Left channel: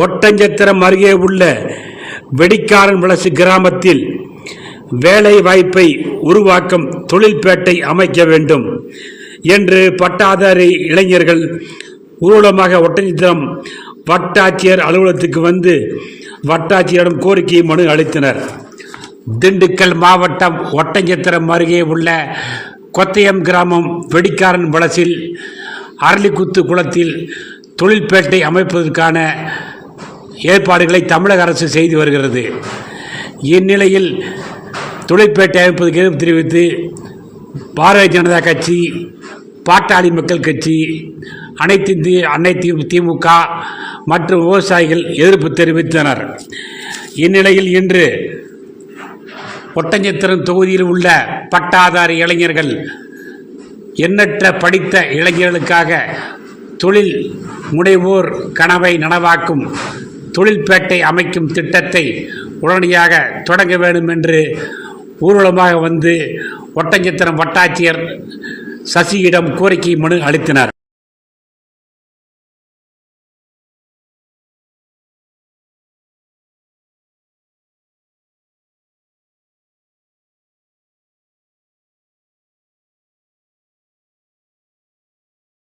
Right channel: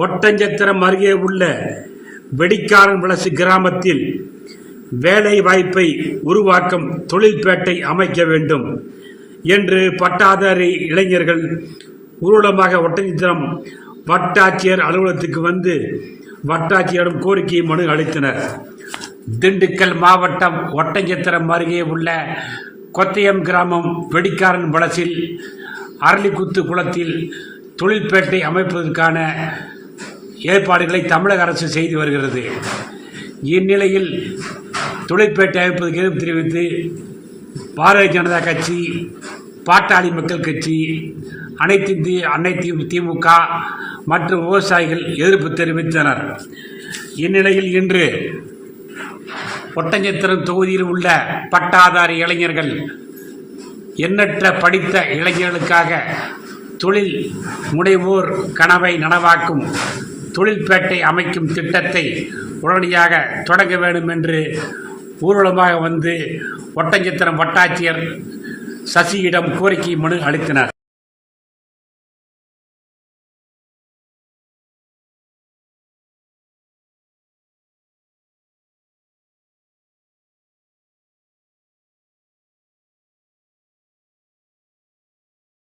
ஒட்டஞ்சத்திரம் அருகே உள்ள வெடிக்காரன் வளசு கிராமத்தில் வேலை வாய்ப்பை உருவாக்கும் தொழில்பேட்டை அமைக்க வேண்டும் என்று பட்டாதாரி இளைஞர்கள் ஊர்வலமாக ஒட்டஞ்சத்திரம் வட்டாட்சியர் அலுவலகத்துக்கு வந்து வட்டாட்சியரிடம் கோரிக்கை மனு அளித்தனர். திண்டுக்கல் மாவட்டம் ஒட்டஞ்சத்திரம் அருகே உள்ள கொத்தயம் கிராமம் வெடிக்காரன் வளசில் அரளிக்குத்து குளத்தில் தொழில்பேட்டை அமைப்பதற்கான ஏற்பாடுகளை தமிழக அரசு செய்து வருகிறது. இந்நிலையில் தொழிற்பேட்டை அமைப்பதற்கு எதிர்ப்பு தெரிவித்து பாரதிய ஜனதா கட்சி பாட்டாளி மக்கள் கட்சி அனைத்து அன்னை அனைத்து திமுக மற்றும் விவசாயிகள் எதிர்ப்பு தெரிவித்தனர். இந்நிலையில் இன்று ஒட்டஞ்சத்திரம் தொகுதியில் உள்ள பட்டாதாரி இளைஞர்கள் எண்ணற்ற படித்த இளைஞர்களுக்காக தொழில் முனைவோர் கனவை நனவாக்கும் தொழில்பேட்டை அமைக்கும் திட்டத்தை உடனடியாக தொடங்க வேண்டும் என்று ஊர்வலமாக வந்து ஒட்டஞ்சத்திரம் வட்டாட்சியர் சசியிடம் கோரிக்கை மனு அளித்தனர்.